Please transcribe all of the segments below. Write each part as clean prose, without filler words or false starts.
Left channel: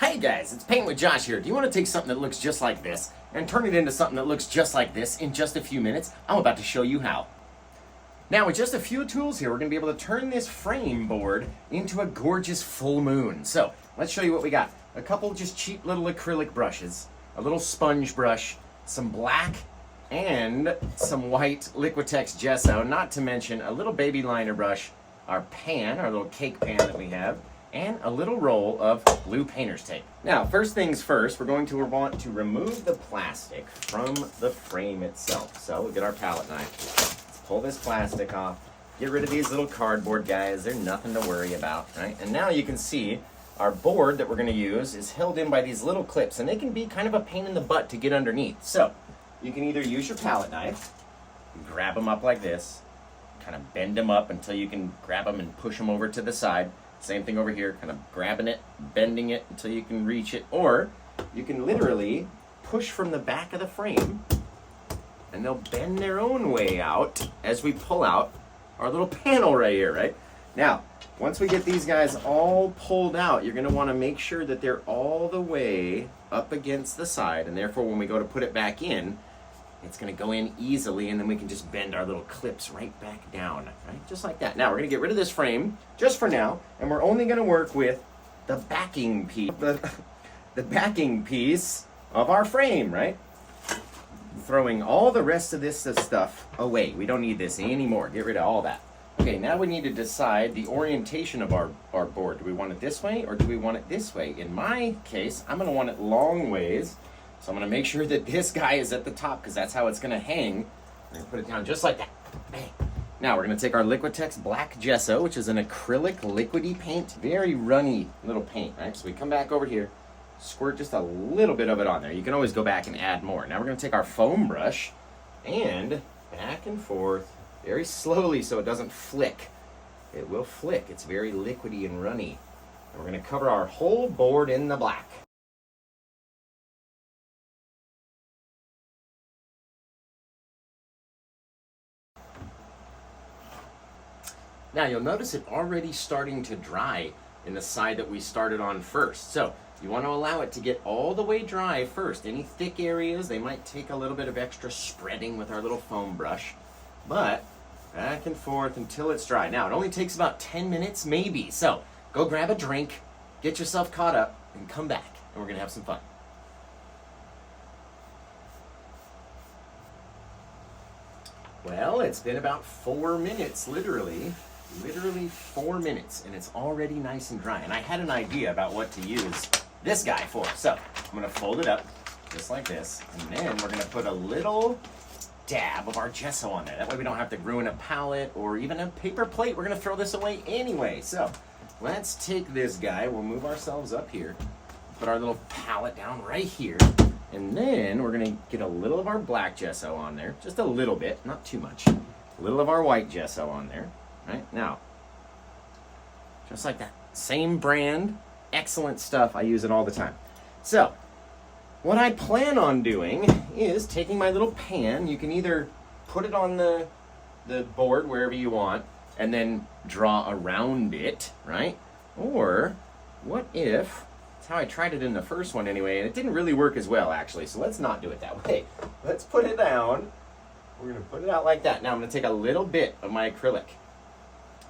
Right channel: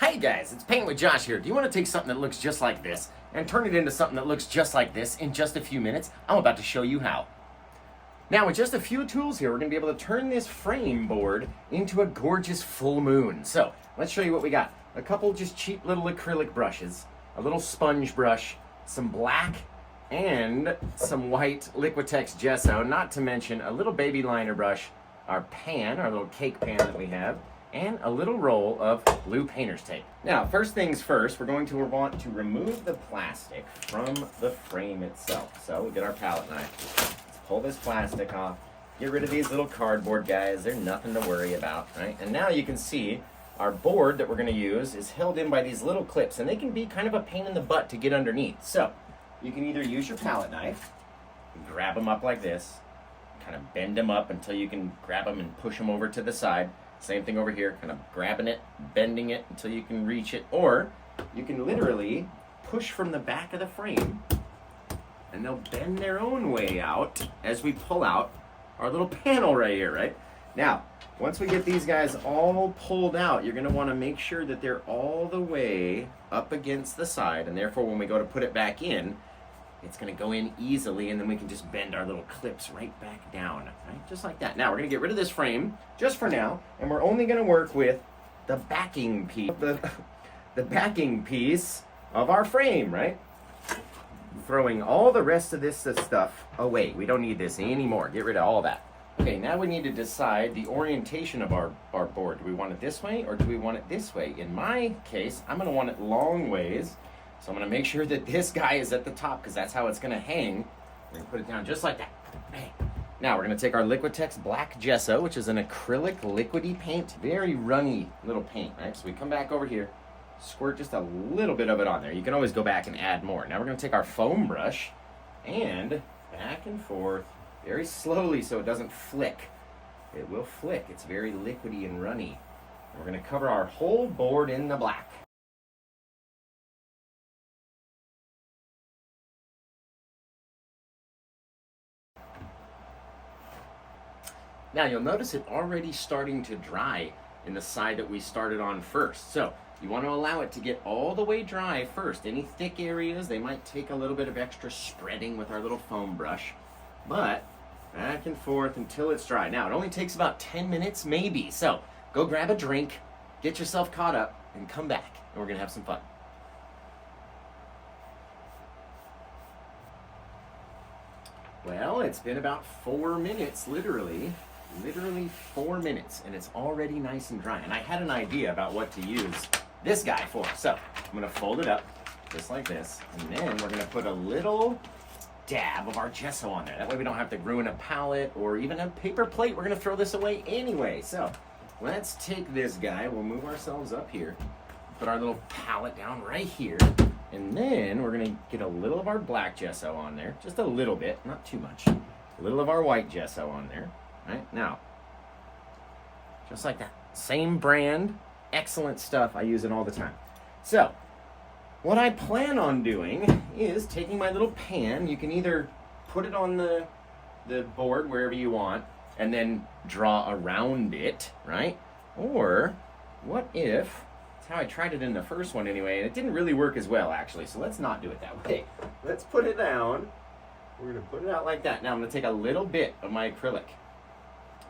Hey guys, it's Paint with Josh here. Do you want to take something that looks just like this and turn it into something that looks just like this in just a few minutes? I'm about to show you how. Now with just a few tools here, we're going to be able to turn this frame board into a gorgeous full moon. So let's show you what we got. A couple just cheap little acrylic brushes, a little sponge brush, some black and some white Liquitex gesso, not to mention a little baby liner brush, our pan, our little cake pan that we have, and a little roll of blue painter's tape. Now, first things first, we're going to want to remove the plastic from the frame itself. So we'll get our palette knife. Let's pull this plastic off. Get rid of these little cardboard guys. They're nothing to worry about, right? And now you can see our board that we're going to use is held in by these little clips, and they can be kind of a pain in the butt to get underneath. So you can either use your palette knife, grab them up like this, kind of bend them up until you can grab them and push them over to the side. Same thing over here, kind of grabbing it, bending it until you can reach it. Or you can literally push from the back of the frame and they'll bend their own way out as we pull out our little panel right here, right? Now, once we get these guys all pulled out, you're gonna wanna make sure that they're all the way up against the side, and therefore when we go to put it back in, it's gonna go in easily, and then we can just bend our little clips right back down, right? Just like that. Now we're gonna get rid of this frame, just for now, and we're only gonna work with the backing piece, the backing piece of our frame, right? Throwing all the rest of this stuff away. We don't need this anymore. Get rid of all that. Okay, now we need to decide the orientation of our board. Do we want it this way, or do we want it this way? In my case, I'm gonna want it long ways. So I'm gonna make sure that this guy is at the top because that's how it's gonna hang. We're gonna put it down just like that. Bang. Now we're gonna take our Liquitex black gesso, which is an acrylic liquidy paint, very runny little paint, right? So we come back over here, squirt just a little bit of it on there. You can always go back and add more. Now we're gonna take our foam brush and back and forth very slowly so it doesn't flick. It will flick. It's very liquidy and runny. And we're gonna cover our whole board in the black. Now you'll notice it already starting to dry in the side that we started on first. So you want to allow it to get all the way dry first. Any thick areas, they might take a little bit of extra spreading with our little foam brush, but back and forth until it's dry. Now it only takes about 10 minutes maybe. So go grab a drink, get yourself caught up, and come back, and we're gonna have some fun. Well, it's been about 4 minutes, literally 4 minutes, and it's already nice and dry. And I had an idea about what to use this guy for. So I'm gonna fold it up just like this, and then we're gonna put a little dab of our gesso on there. That way we don't have to ruin a palette or even a paper plate. We're gonna throw this away anyway. So let's take this guy, we'll move ourselves up here, put our little palette down right here, and then we're gonna get a little of our black gesso on there, just a little bit, not too much. A little of our white gesso on there, right? Now, just like that, same brand, excellent stuff. I use it all the time. So, what I plan on doing is taking my little pan. You can either put it on the board wherever you want and then draw around it, right? Or what if, that's how I tried it in the first one anyway, and it didn't really work as well actually, so let's not do it that way. Let's put it down. We're gonna put it out like that. Now I'm gonna take a little bit of my acrylic,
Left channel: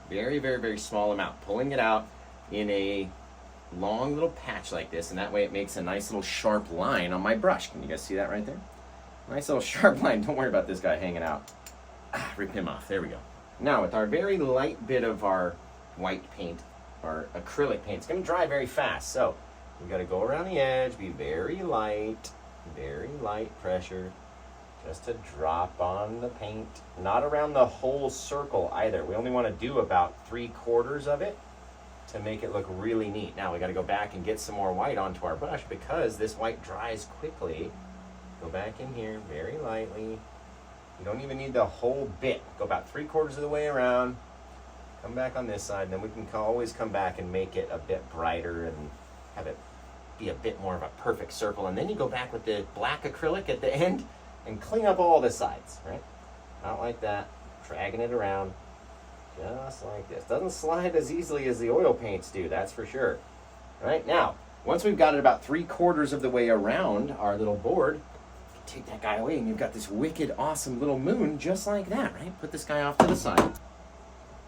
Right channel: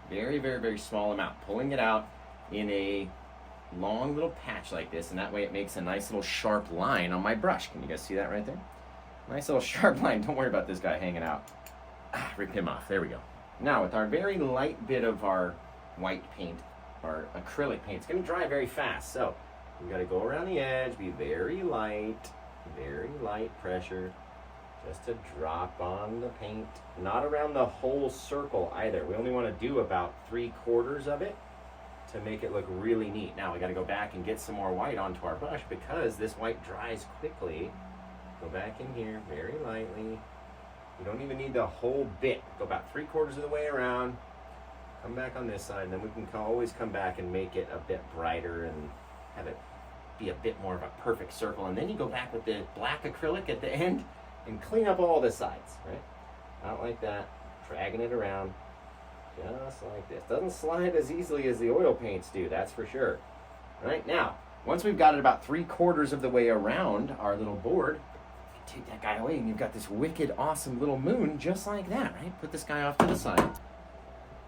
very, very, very small amount, pulling it out in a long little patch like this, and that way it makes a nice little sharp line on my brush. Can you guys see that right there? Nice little sharp line. Don't worry about this guy hanging out. Rip him off. There we go. Now with our very light bit of our white paint, our acrylic paint, it's going to dry very fast. So we got to go around the edge, be very light pressure, just to drop on the paint. Not around the whole circle either. We only want to do about 3/4 of it to make it look really neat. Now we got to go back and get some more white onto our brush because this white dries quickly. Go back in here very lightly. You don't even need the whole bit. Go about 3/4 of the way around. Come back on this side, and then we can always come back and make it a bit brighter and have it be a bit more of a perfect circle. And then you go back with the black acrylic at the end and clean up all the sides, right? Out like that, dragging it around. Just like this. Doesn't slide as easily as the oil paints do, that's for sure. Right now, once we've got it about 3/4 of the way around our little board, take that guy away and you've got this wicked awesome little moon just like that, right? Put this guy off to the side.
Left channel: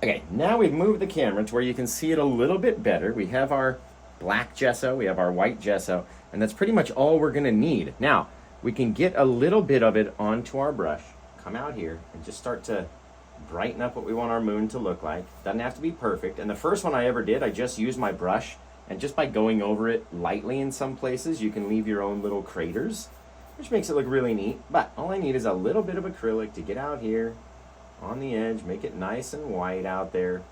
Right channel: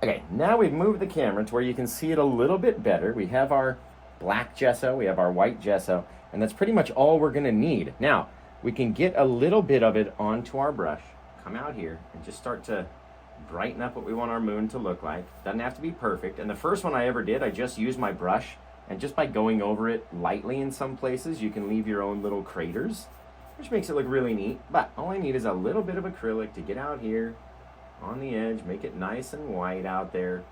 Okay, now we've moved the camera to where you can see it a little bit better. We have our black gesso, we have our white gesso, and that's pretty much all we're gonna need. Now, we can get a little bit of it onto our brush, come out here, and just start to brighten up what we want our moon to look like. Doesn't have to be perfect. And the first one I ever did, I just used my brush, and just by going over it lightly in some places, you can leave your own little craters, which makes it look really neat. But all I need is a little bit of acrylic to get out here on the edge, make it nice and white out there.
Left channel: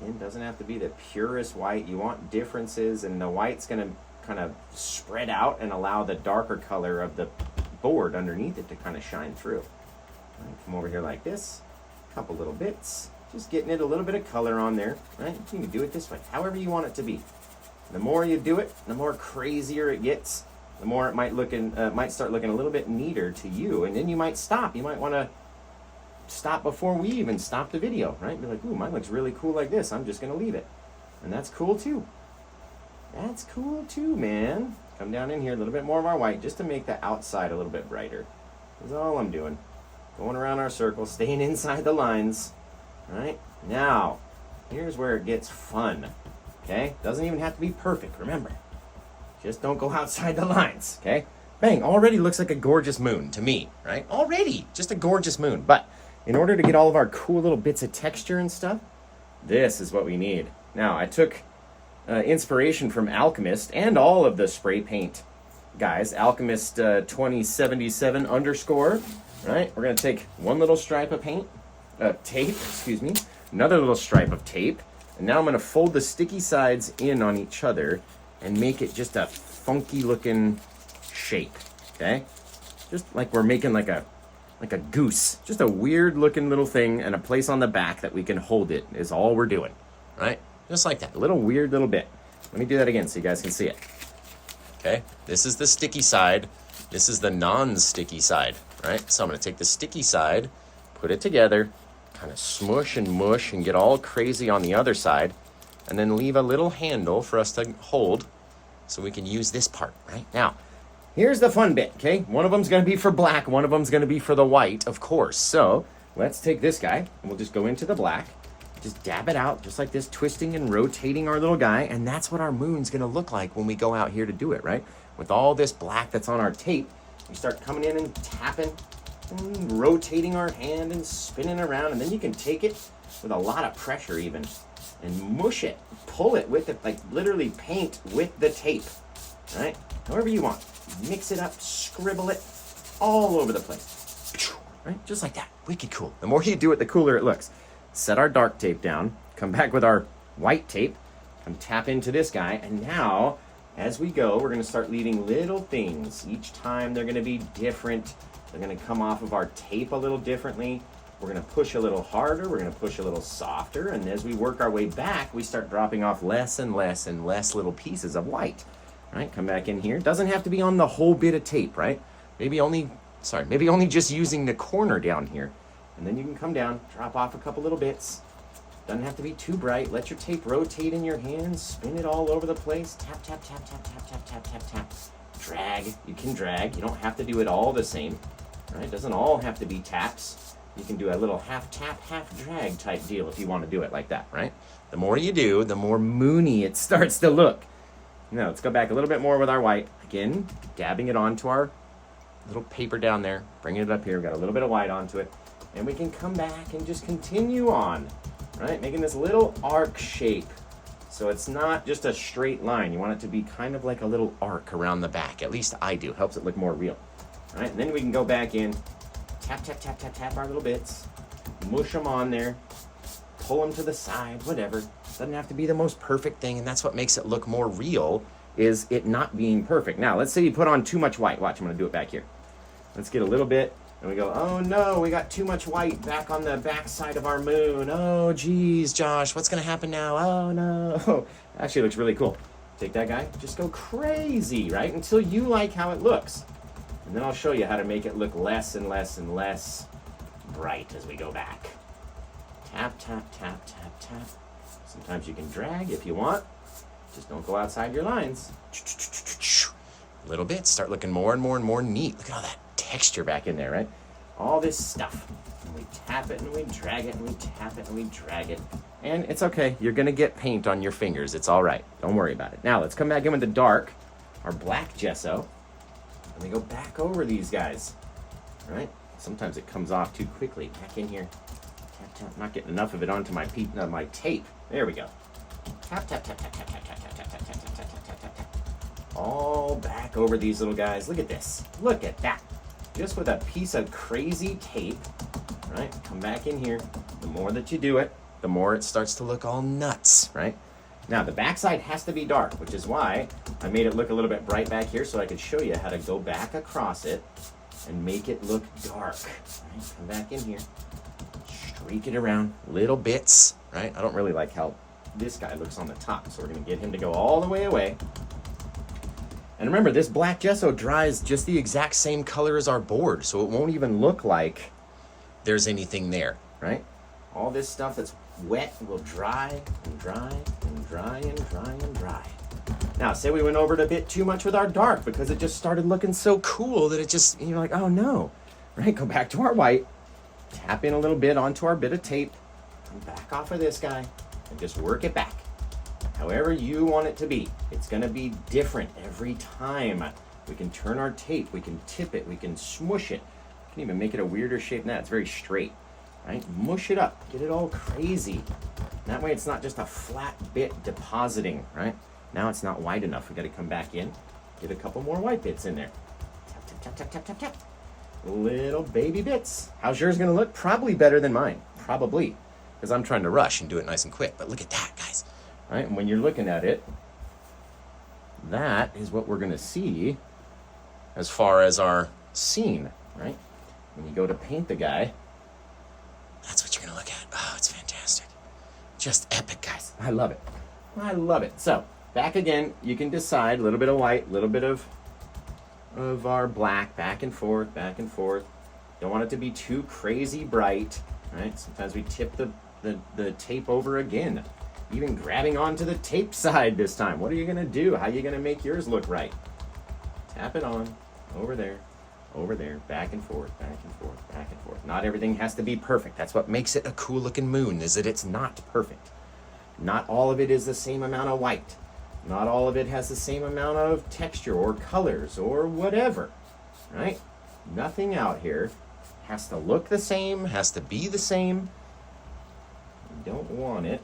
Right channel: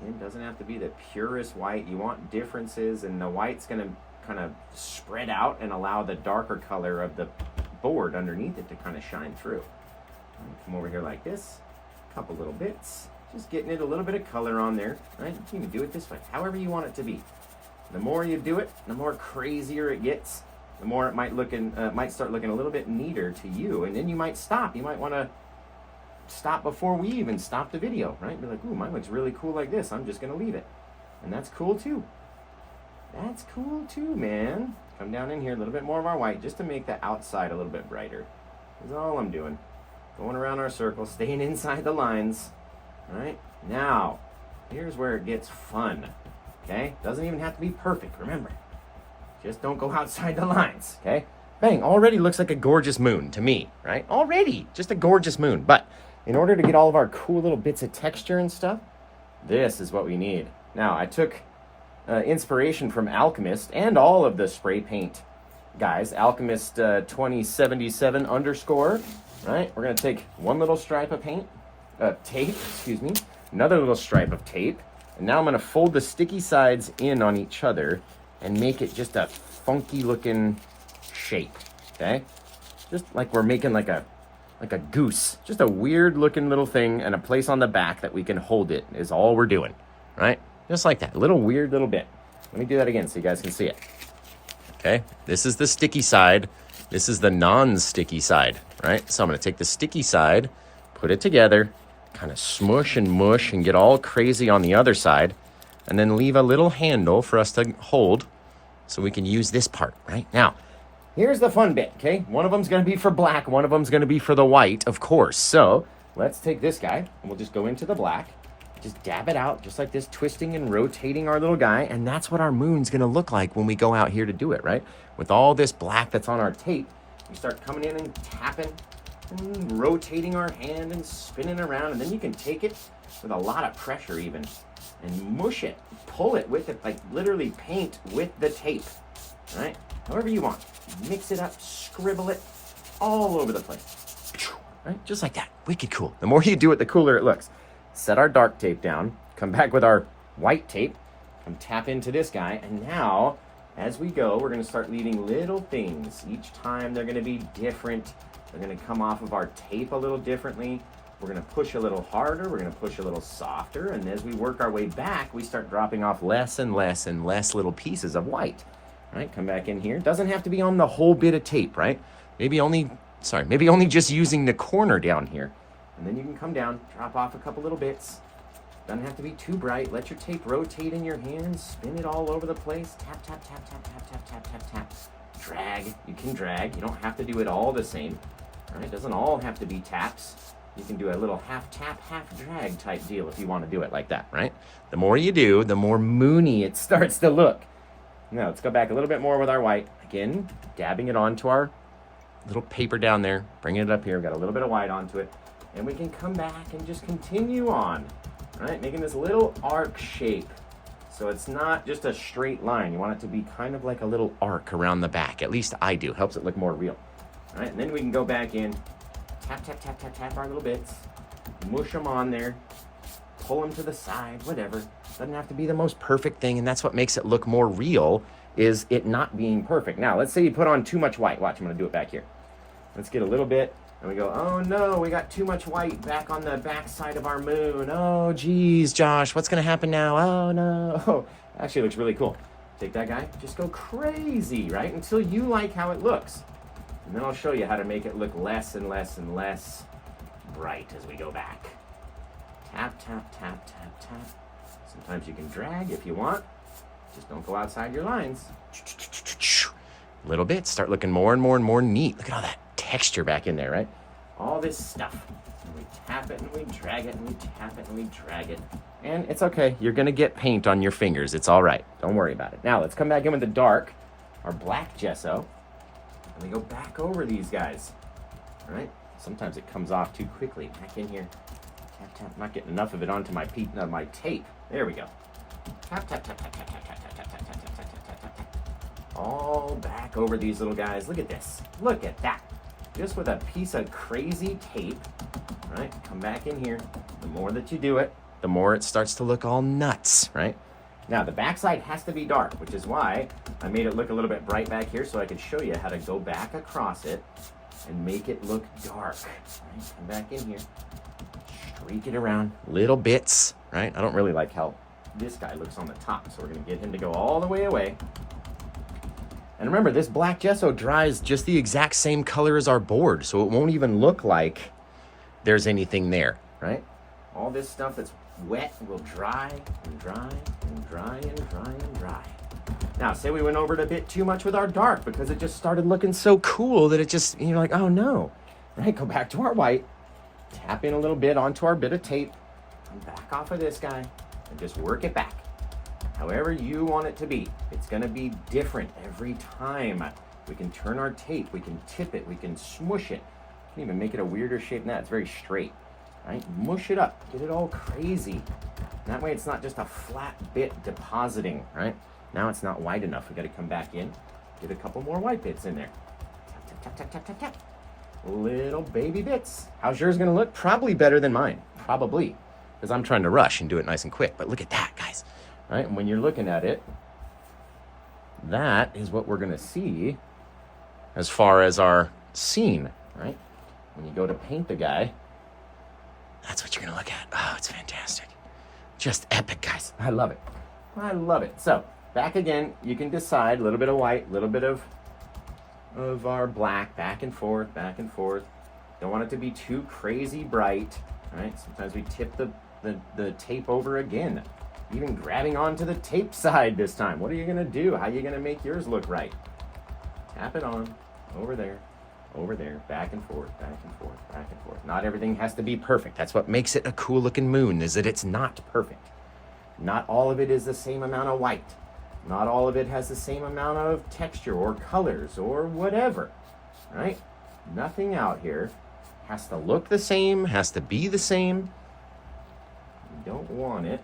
Again, doesn't have to be the purest white. You want differences, and the white's gonna kind of spread out and allow the darker color of the board underneath it to kind of shine through. Right, come over here like this, a couple little bits, just getting it a little bit of color on there, right? You can do it this way, however you want it to be. The more you do it, the more crazier it gets, the more it might start looking a little bit neater to you, and then you might stop. You might want to stop before we even stop the video, right? Be like, ooh, mine looks really cool like this. I'm just gonna leave it. And that's cool too. That's cool too, man. Come down in here, a little bit more of our white, just to make the outside a little bit brighter. That's all I'm doing. Going around our circle, staying inside the lines. All right, now, here's where it gets fun, okay? Doesn't even have to be perfect, remember. Just don't go outside the lines, okay? Bang, already looks like a gorgeous moon to me, right? Already, just a gorgeous moon. But in order to get all of our cool little bits of texture and stuff, this is what we need. Now, I took inspiration from Alchemist and all of the spray paint guys. Alchemist 2077 _, right? We're gonna take one little stripe of tape, excuse me, another little stripe of tape, and now I'm gonna fold the sticky sides in on each other and make it just a funky looking shape, okay? Just like we're making like a goose, just a weird looking little thing, and a place on the back that we can hold it is all we're doing, right? Just like that, little weird little bit. Let me do that again so you guys can see it. Okay, this is the sticky side. This is the non-sticky side, right? So I'm gonna take the sticky side, put it together, kind of smush and mush and get all crazy on the other side, and then leave a little handle for us to hold so we can use this part, right? Now, here's the fun bit, okay? One of them's gonna be for black, one of them's gonna be for the white, of course. So let's take this guy and we'll just go into the black, just dab it out just like this, twisting and rotating our little guy, and that's what our moon's gonna look like when we go out here to do it, right? With all this black that's on our tape, we start coming in and tapping and rotating our hand and spinning around, and then you can take it with a lot of pressure even and mush it, pull it with it, like literally paint with the tape, right? However you want. Mix it up, scribble it all over the place, right? Just like that, wicked cool. The more you do it, the cooler it looks. Set our dark tape down, come back with our white tape, come tap into this guy, and now, as we go, we're gonna start leaving little things. Each time they're gonna be different. They're gonna come off of our tape a little differently. We're gonna push a little harder, we're gonna push a little softer, and as we work our way back, we start dropping off less and less and less little pieces of white, right? Come back in here. Doesn't have to be on the whole bit of tape, right? Maybe only just using the corner down here. And then you can come down, drop off a couple little bits. Doesn't have to be too bright. Let your tape rotate in your hands, spin it all over the place. Tap, tap, tap, tap, tap, tap, tap, tap, tap. Drag, you can drag. You don't have to do it all the same, right? It doesn't all have to be taps. You can do a little half tap, half drag type deal if you want to do it like that, right? The more you do, the more moony it starts to look. Now, let's go back a little bit more with our white. Again, dabbing it onto our little paper down there, bringing it up here. We've got a little bit of white onto it. And we can come back and just continue on, right? Making this little arc shape. So it's not just a straight line. You want it to be kind of like a little arc around the back. At least I do. Helps it look more real, right? And then we can go back in, tap, tap, tap, tap, tap our little bits, mush them on there, pull them to the side, whatever. Doesn't have to be the most perfect thing, and that's what makes it look more real, is it not being perfect. Now, let's say you put on too much white. Watch, I'm gonna do it back here. Let's get a little bit, and we go, oh no, we got too much white back on the back side of our moon. Oh geez, Josh, what's gonna happen now? Oh no. Actually, it looks really cool. Take that guy, just go crazy, right? Until you like how it looks. And then I'll show you how to make it look less and less and less bright as we go back. Tap, tap, tap, tap, tap. Sometimes you can drag if you want. Just don't go outside your lines. Little bits start looking more and more and more neat. Look at all that texture back in there, right? All this stuff. And we tap it and we drag it and we tap it and we drag it. And it's okay. You're going to get paint on your fingers. It's all right. Don't worry about it. Now let's come back in with the dark, our black gesso. And we go back over these guys, all right? Sometimes it comes off too quickly. Back in here. Tap, tap. Not getting enough of it onto my tape. There we go. Tap, tap, tap, tap, tap, tap, tap, tap, tap, tap, tap, tap, tap, tap, tap, tap. All back over these little guys. Look at this. Look at that. Just with a piece of crazy tape, right? Come back in here. The more that you do it, the more it starts to look all nuts, right? Now, the backside has to be dark, which is why I made it look a little bit bright back here so I could show you how to go back across it and make it look dark. Right? Come back in here, streak it around, little bits, right? I don't really like how this guy looks on the top, so we're gonna get him to go all the way away. And remember, this black gesso dries just the exact same color as our board, so it won't even look like there's anything there, right? All this stuff that's wet will dry and dry and dry and dry and dry. Now, say we went over it a bit too much with our dark because it just started looking so cool that it just, you're like, oh no, right? Go back to our white, tap in a little bit onto our bit of tape, come back off of this guy, and just work it back. However you want it to be. It's gonna be different every time. We can turn our tape, we can tip it, we can smush it. We can even make it a weirder shape than that. It's very straight, right? Mush it up, get it all crazy. That way it's not just a flat bit depositing, right? Now it's not wide enough. We gotta come back in, get a couple more white bits in there. Tap, tap, tap, tap, tap, tap, tap. Little baby bits. How's yours gonna look? Probably better than mine, probably. Because I'm trying to rush and do it nice and quick, but look at that, guys. Right, and when you're looking at it, that is what we're gonna see as far as our scene, right? When you go to paint the guy, that's what you're gonna look at. Oh, it's fantastic. Just epic, guys. I love it. I love it. So, back again, you can decide a little bit of white, a little bit of our black, back and forth, back and forth. Don't want it to be too crazy bright, right? Sometimes we tip the tape over again. Even grabbing onto the tape side this time. What are you gonna do? How are you gonna make yours look right? Tap it on, over there, back and forth, back and forth, back and forth. Not everything has to be perfect. That's what makes it a cool looking moon, is that it's not perfect. Not all of it is the same amount of white. Not all of it has the same amount of texture or colors or whatever, right? Nothing out here has to look the same, has to be the same. You don't want it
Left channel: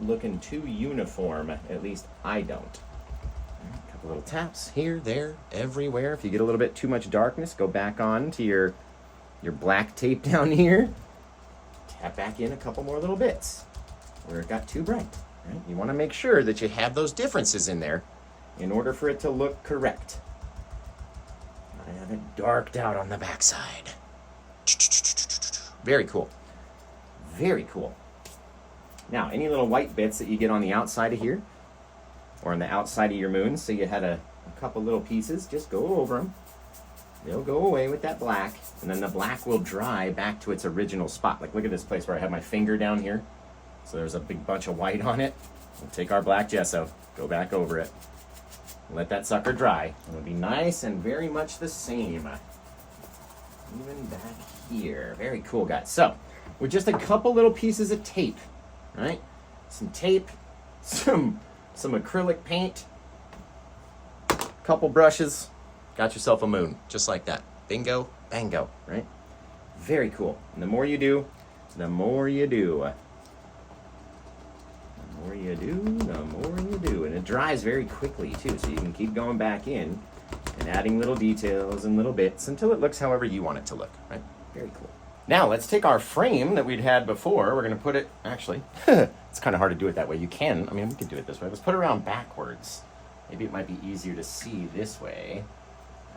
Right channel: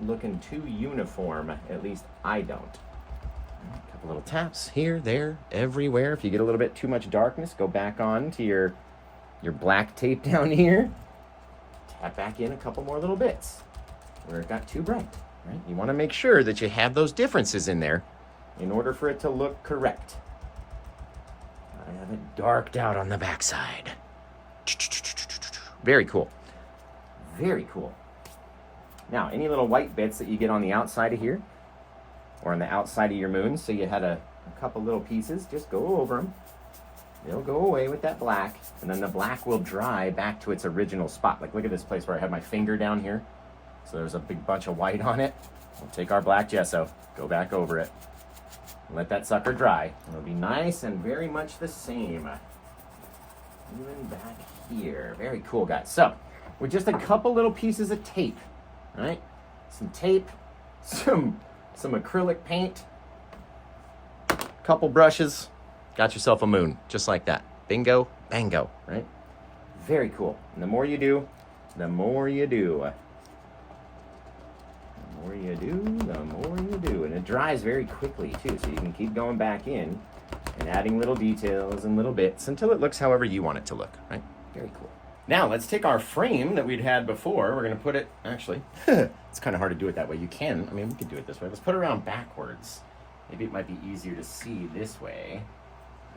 looking too uniform, at least I don't. A couple little taps here, there, everywhere. If you get a little bit too much darkness, go back on to your black tape down here. Tap back in a couple more little bits where it got too bright. Right? You want to make sure that you have those differences in there in order for it to look correct. I have it darked out on the backside. Very cool. Very cool. Now, any little white bits that you get on the outside of here, or on the outside of your moon, so you had a couple little pieces, just go over them. They'll go away with that black, and then the black will dry back to its original spot. Like, look at this place where I have my finger down here. So there's a big bunch of white on it. We'll take our black gesso, go back over it, let that sucker dry. It'll be nice and very much the same. Even back here. Very cool, guys. So, with just a couple little pieces of tape, right? Some tape, some acrylic paint, couple brushes, got yourself a moon, just like that. Bingo, bango, right? Very cool. And the more you do, the more you do. The more you do, the more you do. And it dries very quickly, too, so you can keep going back in and adding little details and little bits until it looks however you want it to look, right? Very cool. Now, let's take our frame that we'd had before. We're going to put it, actually, it's kind of hard to do it that way. You can, I mean, we could do it this way. Let's put it around backwards. Maybe it might be easier to see this way.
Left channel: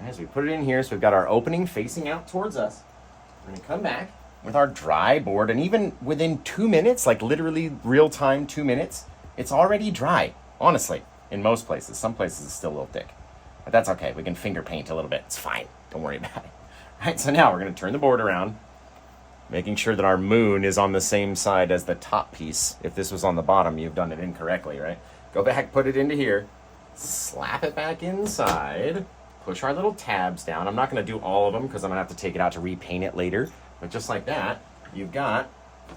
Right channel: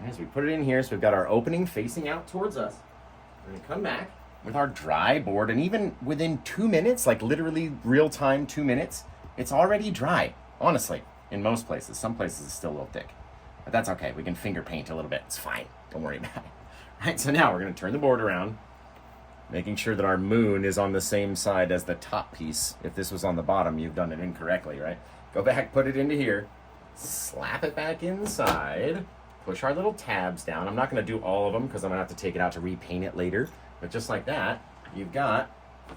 As we put it in here, so we've got our opening facing out towards us. We're going to come back with our dry board, and even within 2 minutes, like literally real time 2 minutes, it's already dry, honestly, in most places. Some places it's still a little thick, but that's okay. We can finger paint a little bit. It's fine. Don't worry about it. All right, so now we're going to turn the board around, making sure that our moon is on the same side as the top piece. If this was on the bottom, you've done it incorrectly, right? Go back, put it into here, slap it back inside, push our little tabs down. I'm not going to do all of them because I'm going to have to take it out to repaint it later. But just like that, you've got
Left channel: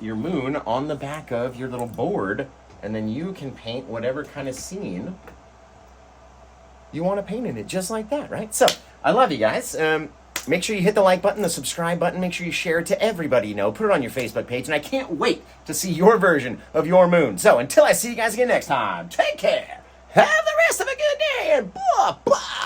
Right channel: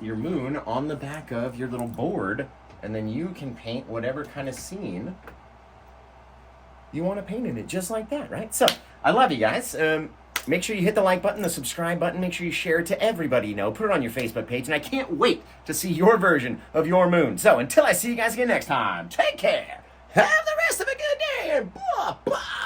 your moon on the back of your little board, and then you can paint whatever kind of scene you want to paint in it, just like that, right? So, I love you guys. Make sure you hit the like button, the subscribe button. Make sure you share it to everybody you know. Put it on your Facebook page, and I can't wait to see your version of your moon. So, until I see you guys again next time, take care. Have the rest of a good day, and bye-bye.